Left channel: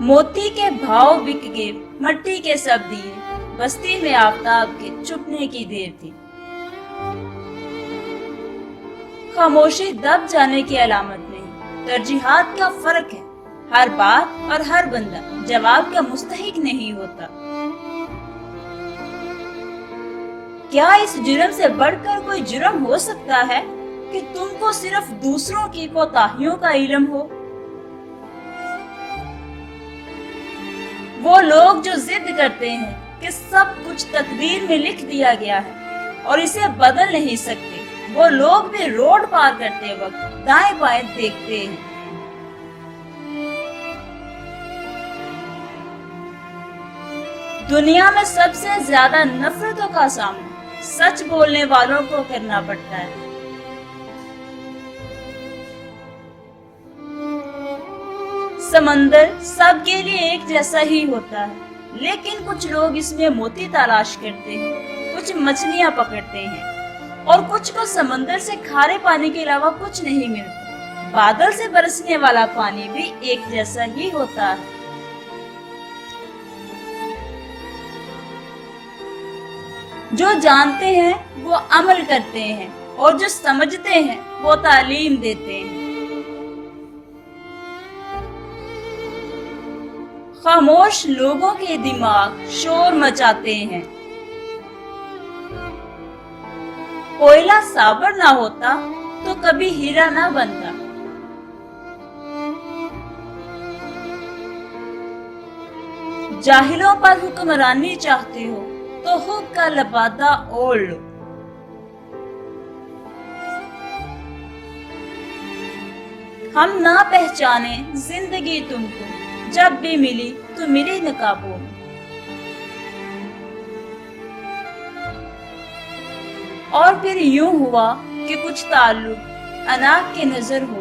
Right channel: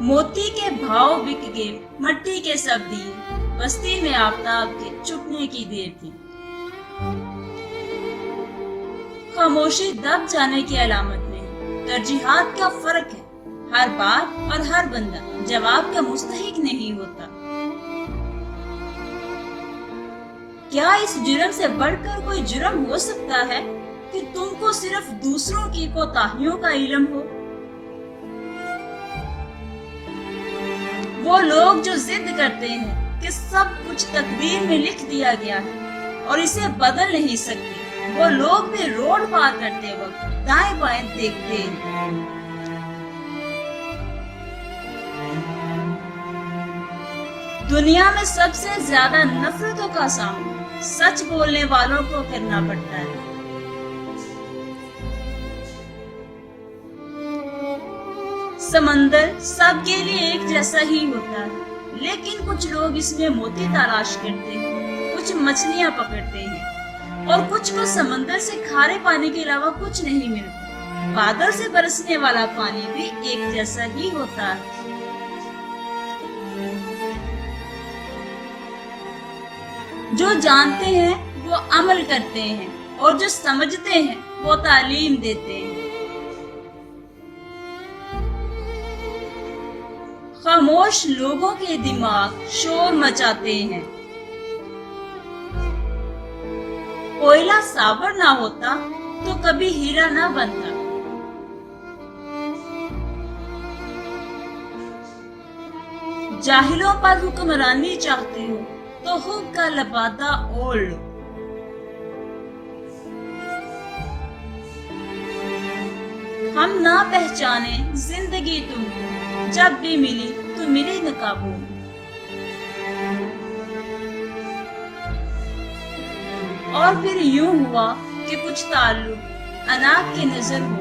मोती के भाव बिक गए, मट्टी के सब दिए, बस्ती में आफताब के छुपने की देर थी। खामोशी दब जाने की अलामत नहीं, तरजीहात का फर्क है। हर बात और हर बंदा जवाब का मुस्तहिक नहीं होता। क्या इस जुर्म से बढ़कर कोई जुर्म हो सकता है कि तुमको सिर्फ दूसरों की कोताहियों का इल्म हो? वो लोग जो जिद करते हैं कि सब कुछ तकदीर में लिख दिया गया है और इसे बदल नहीं सकते, वो लोग भी रोड पार करते वक्त दाएं बाएं देखते हैं। दुनिया में सबसे ज्यादा नफरतों का सामना सच बोलने वालों को करना पड़ता है। समंदर सबके लिए एक जैसा ही होता है, लेकिन कुछ लोग इसमें मोती तलाश करते हैं, कुछ मछलियां पकड़ते हैं और कुछ को समंदर से खारे पानी के अलावा कुछ नहीं मिलता। बादल से बरसने वाला पानी भी एक जैसा ही होता है। जो जानते हैं वो अमल करते हैं और जो समझते हैं वो तालीम देते हैं। खामोश लोगों के दिमाग शोर मचाते हैं। कोयला साबर ना होता तो कभी हीरा ना बनता। जाहिलों पर हुक्मरानी चाहते हो तो खुद का लबादा ओढ़ लो। हम ना पहचाने जिंदगी तुमको, जब भी मिली तो मिली नकाबों में। और फिर यूं हुआ कि कुछ ताल्लुक अनाक की नजर हुआ।